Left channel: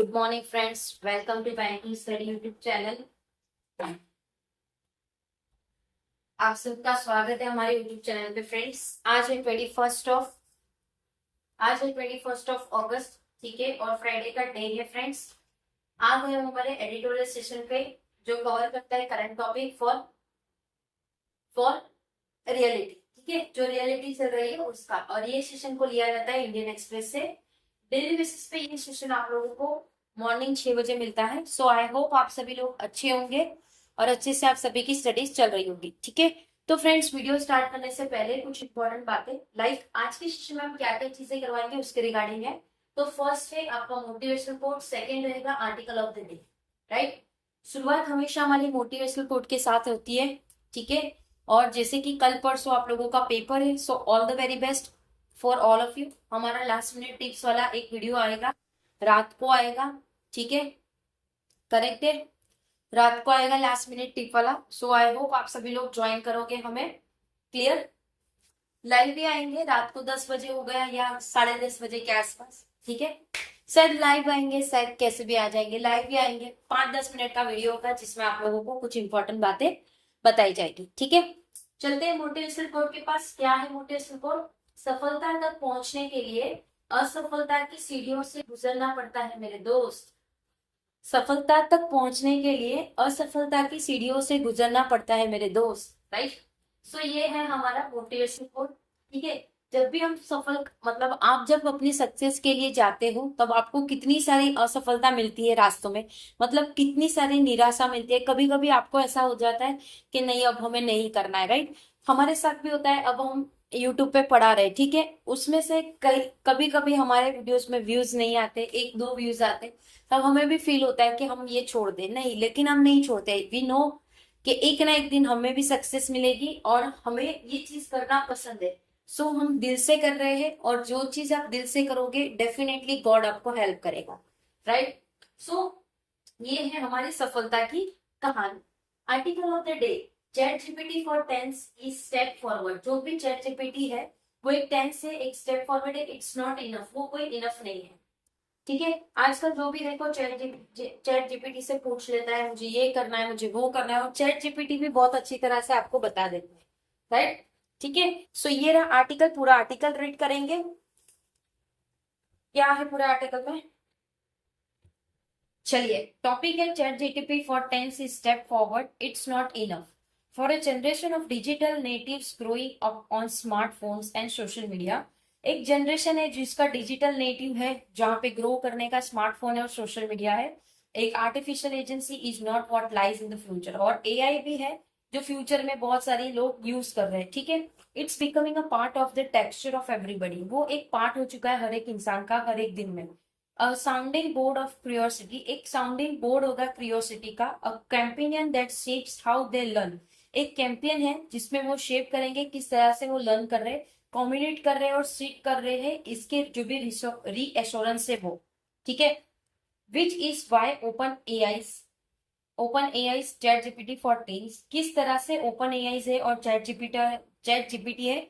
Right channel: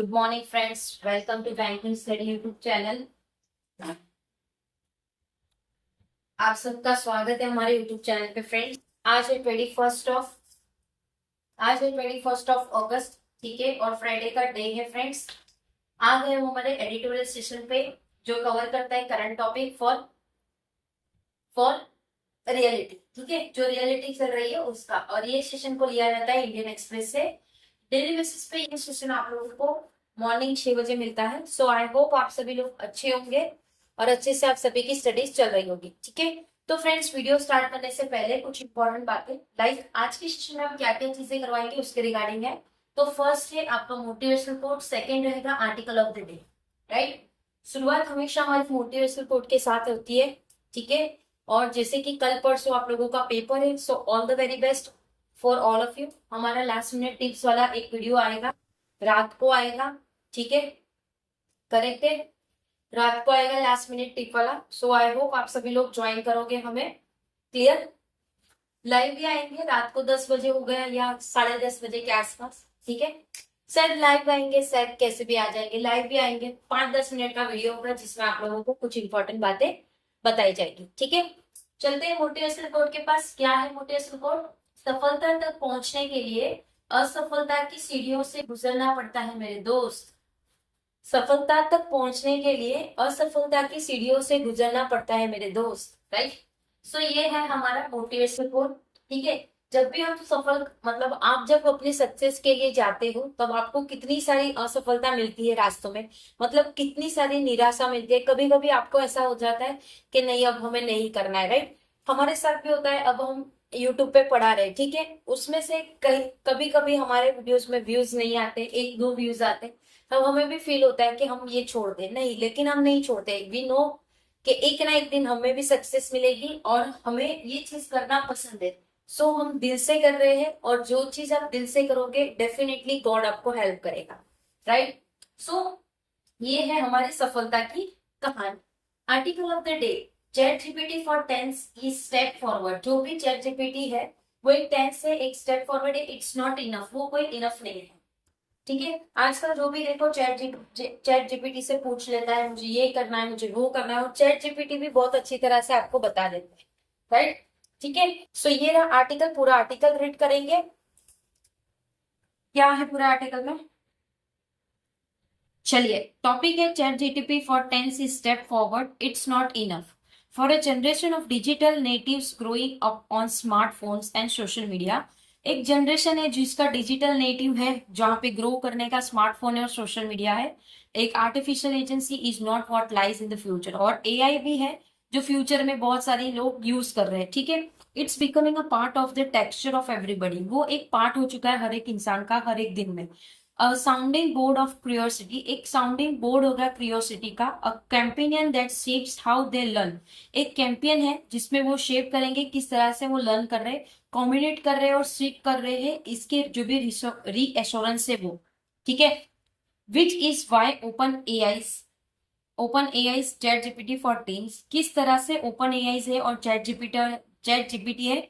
Good morning friends, welcome to banking study YouTube channel. आप सबका स्वागत है हमारे यूट्यूब चैनल पे। फ्रेंड्स, आज है 21 अगस्त, ठीक है, और फ्राइडे का डे है। फ्रेंड्स, आ गए हम हमारे एडिटोरियल सेशन पे, जो कवर करता है current topic for for reality, ठीक है, जो रियलिटी चल रही है उसका। और ये सेशन को लिया जाता है इंडियन एक्सप्रेस से। डेली बेसिस पे ये सेशन आप लोगों को मॉर्निंग 6 बजे मिलता है। सो आई होप आप सभी लोग अच्छे होंगे और अच्छे से आप सभी की स्टडीज चल रही होगी, ठीक है। तो फ्रेंड्स, वीडियो स्टार्ट करने से पहले कुछ इंपॉर्टेंट बातें, लाइक आज के सेशन में हम क्या क्या चीजें करवाएंगे उसके रिगार्डिंग है। तो फर्स्ट है आपका मोटिवेशनल कोट, सेकेंड रहेगा article of the day, right. शुरुआत हमेशा हमारी मोटिवेशनल कोट के साथ होती है, ठीक है। और जैसे कि कल परसों आप लोगों का पेपर है, so all the very best for all of you. हमारा लास्ट मिनट टिप्स वाला एक वीडियो आएगा, रात को आएगा, ठीक है, करेक्ट है, रात को आएगा लास्ट मिनट टिप वाला। सो आई होप आप सभी लोग ज्वाइन करोगे हमें, क्लियर। लाइव भी आएंगे रात को 10 बजे हो गया या 10:30 बजे के आसपास, ठीक है। शायद लाइव आएंगे, शायद कैसे भी आ जाएंगे, लाइव भी आएंगे। 5-10 मिनट का वीडियो होगा जिसमें आप लोगों को कुछ इंपॉर्टेंट बातें बताई जाएगी, ठीक है। चलते हैं मोटिवेशनल कोड के पास। क्या है मोटिवेशनल कोड? सफलता तक पहुंचने के लिए असफलता की सीढ़ियों से गुजरना पड़ता है मेरे दोस्त। सफलता तक पहुंचने के लिए असफलता की सीढ़ियों से गुजरना पड़ता है मेरे दोस्त, राइट। सो ये है हमारा मोटिवेशनल कोड, ठीक है। जब भी हम सफल, मतलब आप जब अपनी सक्सेस के लिए जाते हो तब आपको कितनी सारी असफलता मिलती है रास्तों में, मतलब कितनी सारी निराशा मिलती है। कभी कभी आपको ऐसा हो जाता है कि नहीं अब हमें नहीं करना है, राइट। हमारे साथ भी होता है। अब हम यूट्यूब पे पढ़ा रहे, ठीक है, उसमें से कभी कभी हमारे वीडियोस में व्यूज नहीं आते, 1-2 व्यूज आते, तब हमें भी फील होता है कि हम ये छोड़ दें। नहीं, लेकिन हम नहीं छोड़ते। वी नो कि एक ना एक दिन हमें भी सक्सेस मिलेगी और हमें ये चीज करना पसंद है। सो हम दिल से कर रहे हैं, और जो चीज आप दिल से करोगे डेफिनेटली गॉड आपको हेल्प करेगा, राइट। सो ये है हमारी सफलता की कहानी। Article of the day, ChatGPT for teens is step forward. जो भी चैट जीपीटी है वो एक टेंस है, एक स्टेप फॉरवर्ड है। इट्स नॉट इनफ, वो कोई इनफ नहीं है, ठीक है। आजकल जो भी देखो चैट जीपीटी से पूछ लेता है, मुझे ये करना है, मुझे वो करना है, और चैट जीपीटी भी बहुत अच्छी तरह से आपको बता देता है, राइट, ठीक है। सो ये रहा आर्टिकल, पूरा आर्टिकल रीड करेंगे। क्या है पूरा आर्टिकल में? चलिए, टॉपिक है ChatGPT for teens is step forward, it's not enough for a generation of digital natives growing up on smartphones and social media. एक जनरेशन है जिसका डिजिटल नेटिव है, जहां पे ग्रो करने का स्मार्टफोन है और सोशल मीडिया है। एक artificial agency is not what lies in the future, और एआई भी है जो फ्यूचर में बहुत सारे लोग यूज कर रहे हैं, ठीक है। It's becoming a part of the texture of everybody, वो एक पार्ट हो चुका है हर एक इंसान का, हर एक दिन में। साउंडिंग बोर्ड ऑफ क्यूरियोसिटी, एक साउंडिंग बोर्ड होगा क्यूरियोसिटी का। A companion that shapes how they learn, एक कैंपियन है जिसमें वो शेप करेंगे किस तरह से वो लर्न कर रहे हैं, कम्युनिकेट कर रहे हैं और सीख कर रहे हैं, इसके जो भी रीएश्योरेंस है वो, ठीक है। Which is why OpenAI ChatGPT for teens, किस तरह से ओपन एआई है और चैट जीपीटी है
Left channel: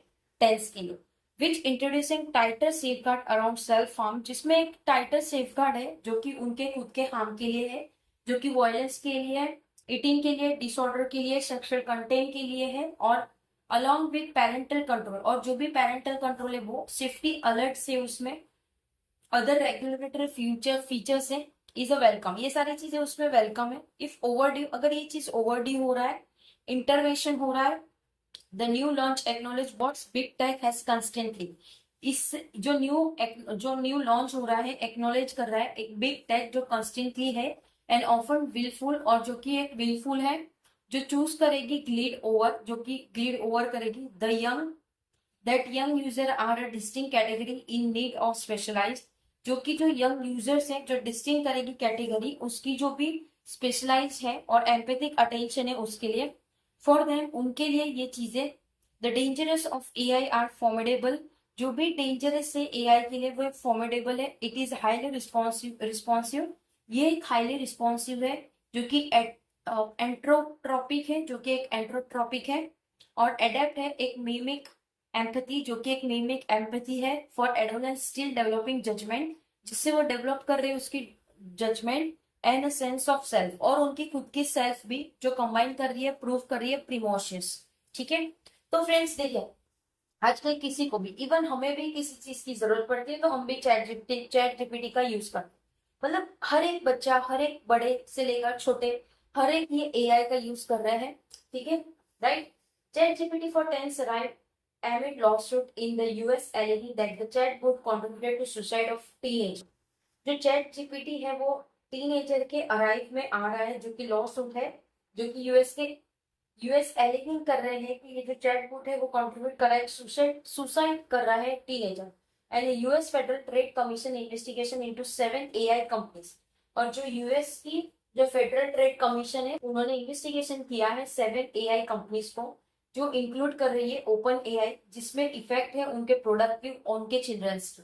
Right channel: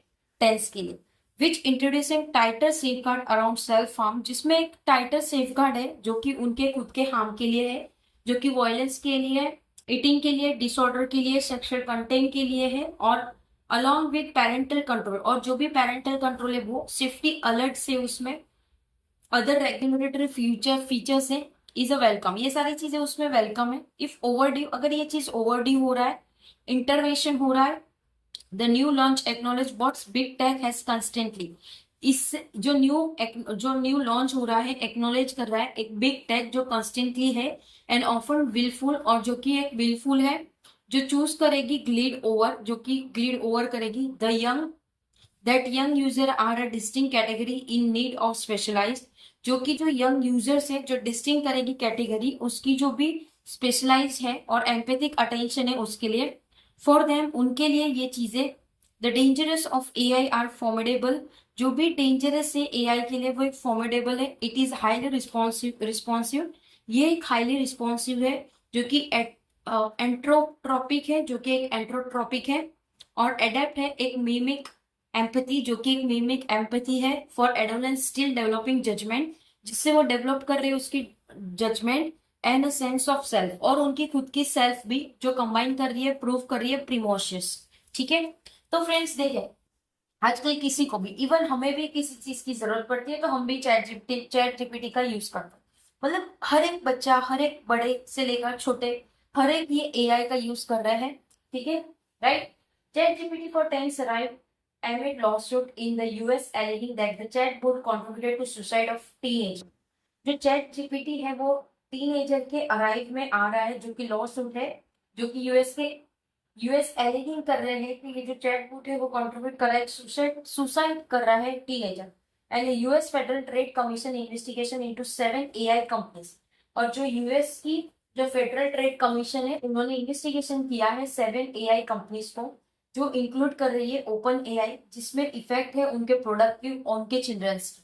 टेंस के लिए। Which introducing tighter safeguard around self harm, जिसमें एक टाइटर सेफ गार्ड है जो कि उनके खुद के हार्म के लिए है, जो कि वायलेंस के लिए है, ईटिंग के लिए, डिसऑर्डर के लिए, सेक्सुअल कंटेंट के लिए है, और अलॉन्ग विथ पेरेंटल कंट्रोल, और जो भी पेरेंटल कंट्रोल है वो सेफ्टी अलर्ट से उसमें अदर रेगुलेटरी फीचर्स है, इज अ वेलकम। ये सारी चीजें उसमें वेलकम है। इफ ओवरड्यू, अगर ये चीज ओवरड्यू हो रहा है, इंटरवेंशन हो रहा है, the new launch acknowledge what's big tech has constantly, इस जो न्यू लॉन्च हो रहा है एक्नोलेज कर रहा है एक बिग टेक जो कंस्टेंटली है, एंड ऑफन विलफुल, और जो कि एक विलफुल है, जो चूज करेगी ग्लीड ओवर, जो कि ग्लीड ओवर करेगी the young, that young user are a distinct category in need of specialised, जो कि जो यंग यूजर्स हैं जो डिस्टिंक्ट करेगी कैटेगरी उसकी जो भी स्पेशलाइज है और एम्पैथिक अटेंशन है उसके लिए, फॉर देम, उनके लिए ये चीजें। The dangerous of AI are formidable, जो भी डेंजरस है एआई के लिए वो एक फॉर्मिडेबल है। इट इज हाईली रिस्पॉन्सिव, ये एक हाईली रिस्पॉन्सिव है, जो कि एंट्रोट्रॉपिक है, जो कि एक एंट्रोट्रॉपिक है, और एडेप्ट है एक मीमिक एम्पैथी, जो कि एक मीमिक एम्पैथी है, for adolescence still developing judgement, जिससे वो डेवलप कर रही है उसकी judgement and a sense of self, और उनकी खुद की सेल्फ भी जो कंबाइन कर रही है, प्रूव कर रही है प्रीमोशियस। ठीक है, तो फ्रेंड्स देखिए, आजकल किसी को भी, इवन हमें भी किसी चीज की जरूरत पड़ती है तो हम भी चैट जीपीटी का यूज करते हैं। मतलब हर एक बच्चा, हर एक बड़े से लेकर छोटे, हर एक ये एआई का यूज कर रहा है। ठीक है, right. ChatGPT for teens arrive amid lawsuit in the US alleging that the chatbot contributed to suicide of teenager। जो चैट जीपीटी है वो टीनेजर के अराइव में आ रहा है, जो कि लॉ सूट है, जो कि यूएस एलिगिंग कर रहे हैं कि ये जो चैटबॉट है वो कंट्रीब्यूट कर रहा है, सुसाइड कर रहा है teenager. And US federal trade commission investigation into 7 AI companies. और जो यूएस की जो फेडरल ट्रेड कमीशन है, उन्होंने इन्वेस्टिगेशन किया है 7 एआई कंपनीज को, जो इंक्लूड कर रही है ओपन एआई, जिसमें इफेक्ट है उनके प्रोडक्ट की, उनके चिल्ड्रंस की।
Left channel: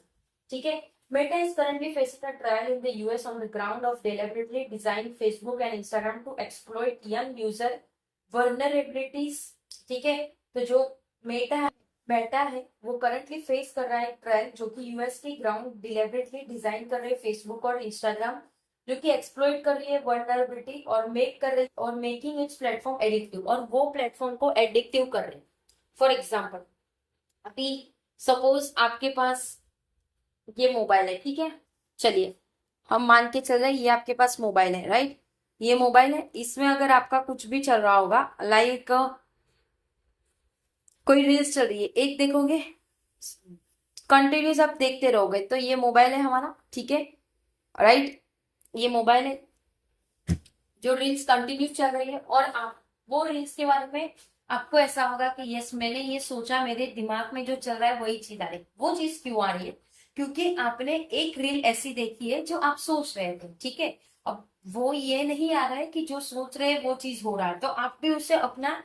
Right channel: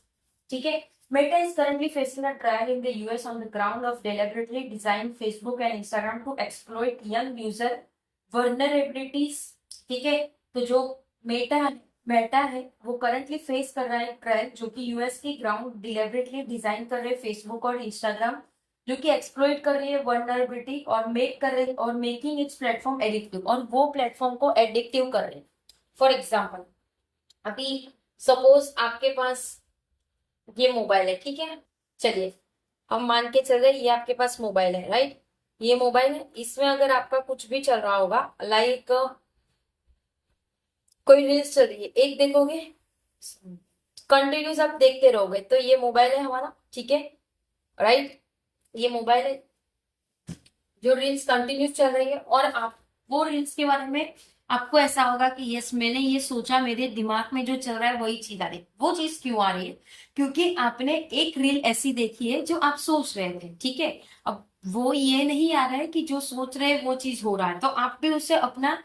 ठीक है, Meta is currently facing a trial in the US on the ground of deliberately designing Facebook and Instagram to exploit young user vulnerabilities। ठीक है, तो जो मेटा है वो करंटली फेस कर रहा है ट्रायल, जो कि यूएस की ग्राउंड डिलिबरेटली डिजाइन कर रहे हैं फेसबुक और इंस्टाग्राम, जो कि एक्सप्लॉइट कर रही है वर्नरेबिलिटी और मेकिंग इट्स प्लेटफॉर्म एडिक्टिव, और वो प्लेटफॉर्म को एडिक्टिव कर रहे हैं। फॉर एग्जाम्पल, अभी सपोज आपके पास ये मोबाइल है, ठीक है, चलिए हम मान के चल रहे ये आपके पास मोबाइल है, राइट। ये मोबाइल है, इसमें अगर आपका कुछ भी चल रहा होगा, लाइक कोई रील्स चल रही है, एक देखोगे कंटिन्यूस आप देखते रहोगे, तो ये मोबाइल है हमारा। ठीक है, राइट, ये मोबाइल है, जो रील्स कंटिन्यूस चल रही है, और आप वो रील्स के बारे में आपको ऐसा होगा कि यस, मैंने ये सोचा, मेरे दिमाग में जो चल रहा है वही चीज आ रही है। वो चीज क्यों आ रही है? क्योंकि आपने एक रील ऐसी देखी है जो आप सोच रहे थे। ठीक है, अब वो ये नहीं आ रहा है कि जो सोच रहे हैं वो चीज हो रहा है, तो आप भी उससे अपना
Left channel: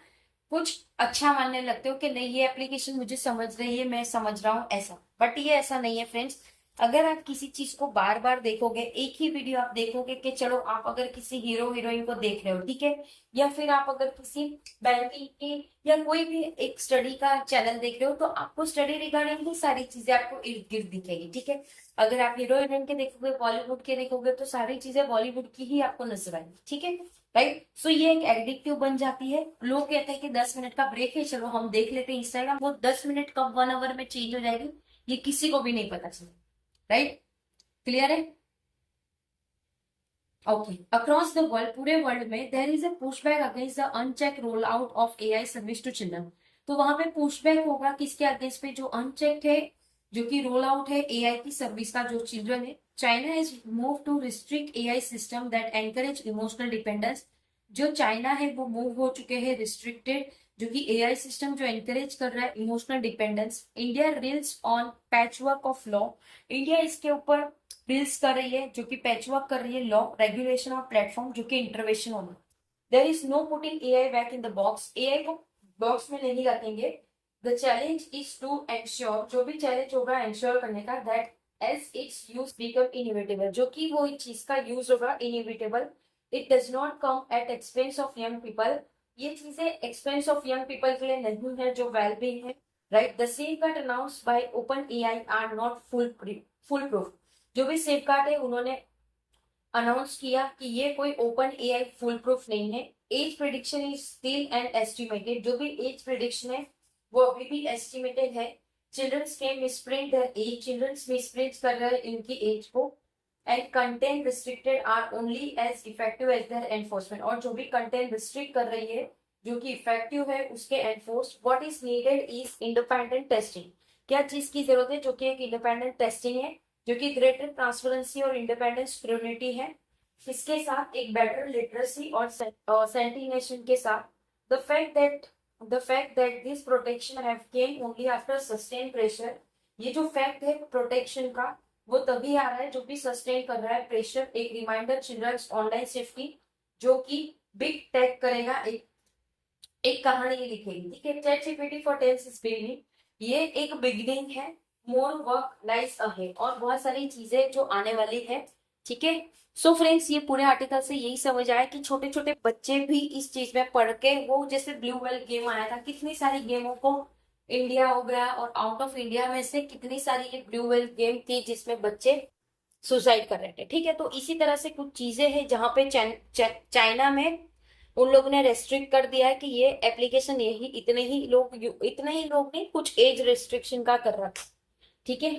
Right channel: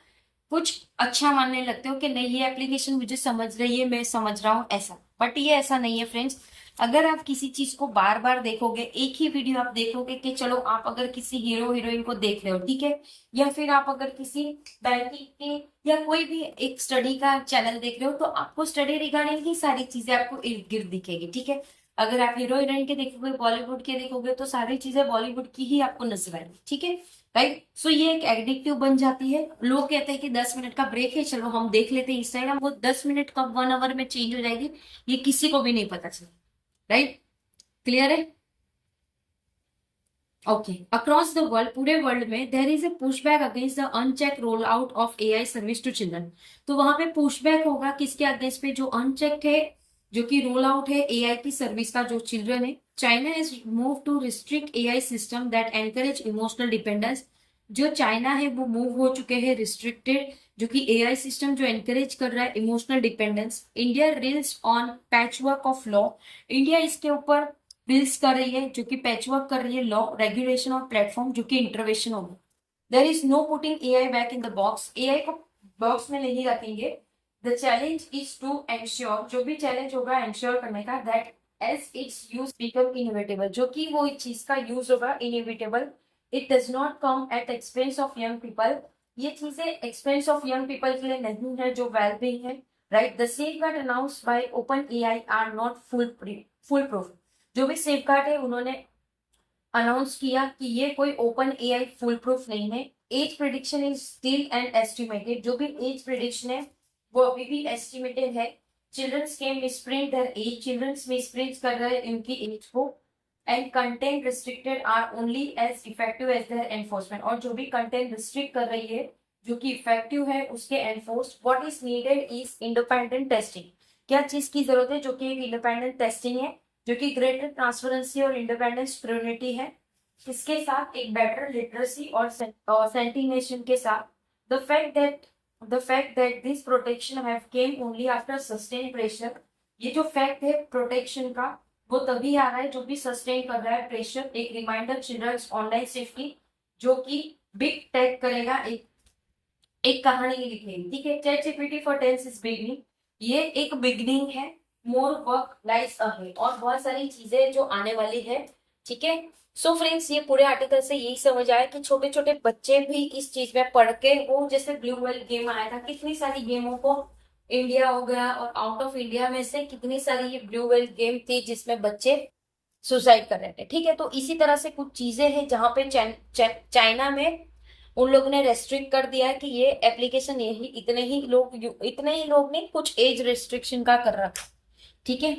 कुछ अच्छा मानने लगते हो कि नहीं, ये एप्लीकेशन मुझे समझ रही है, मैं समझ रहा हूँ, ऐसा। बट ये ऐसा नहीं है फ्रेंड्स। अगर आप किसी चीज को बार बार देखोगे, एक ही वीडियो आप देखोगे, कि चलो आप अगर किसी हीरो हीरोइन को देख रहे हो, ठीक है, या फिर आप अगर किसी बैंकिंग की या कोई भी एक स्टडी का चैनल देख रहे हो, तो आपको स्टडी रिगार्डिंग ही सारी चीजें आपको इर्द गिर्द दिखेगी। ठीक है, अगर आप हीरो हीरोइन के देखोगे, बॉलीवुड के देखोगे, तो सारी चीजें बॉलीवुड की ही आपको नजर आएगी। ठीक है, राइट। सो ये एक एडिक्टिव बन जाती है। लोग कहते हैं कि 10 मिनट का ब्रेक है, चलो हम देख लेते हैं इंस्टाग्राम, वो 10 मिनट कब 1 आवर में चेंज हो जाएगी ये किसी को भी नहीं पता चलेगा। राइट, क्लियर है? ओके, अक्रॉस द वर्ल्ड, पूरे वर्ल्ड में there is a pushback against the unchecked rollout of AI service to children. तो वहां पे पुशबैक होगा किसके अगेंस्ट पे? जो अनचेक है, जो कि रोल आउट है एआई की सर्विस का, जो चिल्ड्रन है। China is move to restrict AI system that encourage emotional dependence. जो चाइना है वो मूव हो चुके हैं रिस्ट्रिक्टेड, जो कि एआई सिस्टम जो एनकरेज कर रहा है emotional dependence. India reels on patchwork of law. India इसके ऊपर रील्स कर रही है, जो कि पैचवर्क कर रही है लॉ, रेगुलेशन और प्लेटफॉर्म, जो कि इंटरवेंशन होगा। There is no putting AI back in the box. AI को बॉक्स में नहीं रखेंगे। The challenge is to ensure, जो भी चैलेंज होगा एंश्योर करने का, that as its use become inevitable, जो कि वो चीज का यूज होगा inevitable. It does not come at expense of young people. ये चीजें एक्सपेंस ऑफ यंग पीपल के लिए नहीं है, जो वेल बीइंग है। Right, the safeguard announced by OpenAI are not foolproof. जो भी सेफगार्ड है उन्होंने अनाउंस किया कि ये कोई ओपन एआई फुल प्रूफ नहीं है। Age prediction is still and estimated. जो भी एज प्रिडिक्शन है वो अभी भी एस्टिमेटेड है। चिल्ड्रंस के misprint their age, childrens misprint कर रहे हैं उनकी एज को। And content restricted are only as effective as their enforcement. और जो भी कंटेंट रिस्ट्रिक्ट कर रही है, जो कि इफेक्टिव है, उसके enforce. What is needed is independent testing. क्या चीज की जरूरत है? जो कि एक इंडिपेंडेंट टेस्टिंग है, जो कि ग्रेटर ट्रांसपेरेंसी और इंडिपेंडेंट स्क्रूटिनी है। इसके साथ एक बेटर लिटरेसी और सेंटिनेशन के साथ the fact that this protection have came only after sustain pressure. ये जो फैक्ट है प्रोटेक्शन का, वो तभी आ रहा है जो भी सस्टेन कर रहा है प्रेशर। एक रिमाइंडर चिल्ड्रंस ऑनलाइन सेफ्टी, जो कि बिग टेक करेगा, एक कहानी लिखेगी। ठीक है, ChatGPT for teens is beginning. ये एक बिगनिंग है। मोर वर्क लाइज अहेड, और बहुत सारी चीजें जो आने वाली है। ठीक है, सो फ्रेंड्स, ये पूरे आर्टिकल से यही समझ आया कि छोटे छोटे बच्चे भी इस चीज में पढ़ के, वो जैसे ब्लू व्हेल गेम आया था, कितनी सारी गेमों को इंडिया हो गया और आउट ऑफ इंडिया में से कितनी सारी ये ब्लू व्हेल गेम थी जिसमें बच्चे सुसाइड कर रहे थे। ठीक है, तो इसी तरह से कुछ चीजें हैं जहां पे चाइना में उन लोगों ने रेस्ट्रिक्ट कर दिया है कि ये एप्लीकेशन यही इतने ही लोग नहीं, कुछ एज रेस्ट्रिक्शन का कर रखा। ठीक है,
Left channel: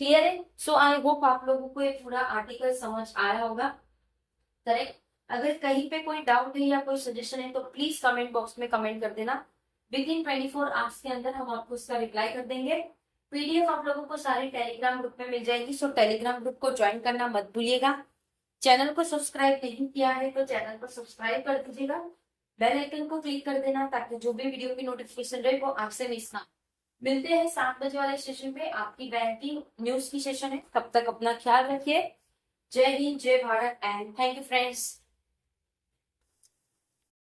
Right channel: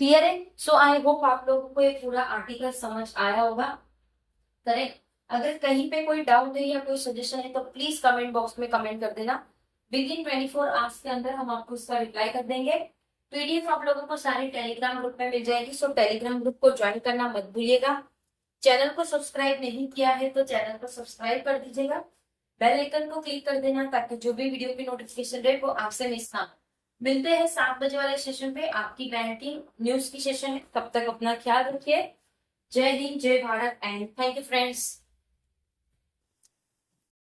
क्लियर है। सो आई होप आप लोगों को ये पूरा आर्टिकल समझ आया होगा। करेक्ट। अगर कहीं पे कोई डाउट है या कोई सजेशन है तो प्लीज कमेंट बॉक्स में कमेंट कर देना। विद इन 24 आवर्स के अंदर हम आपको उसका रिप्लाई कर देंगे। पीडीएफ आप लोगों को सारे टेलीग्राम ग्रुप में मिल जाएगी, सो टेलीग्राम ग्रुप को ज्वाइन करना मत भूलिएगा। चैनल को सब्सक्राइब नहीं किया है तो चैनल को सब्सक्राइब कर दीजिएगा। बेल आइकन को क्लिक कर देना ताकि जो भी वीडियो की नोटिफिकेशन रहे वो आपसे मिस ना हो। मिलते हैं 7 बजे वाले सेशन पे, आपकी बैंकिंग न्यूज की सेशन है। तब तक अपना ख्याल रखिए। जय हिंद, जय Bharat and thank you friends.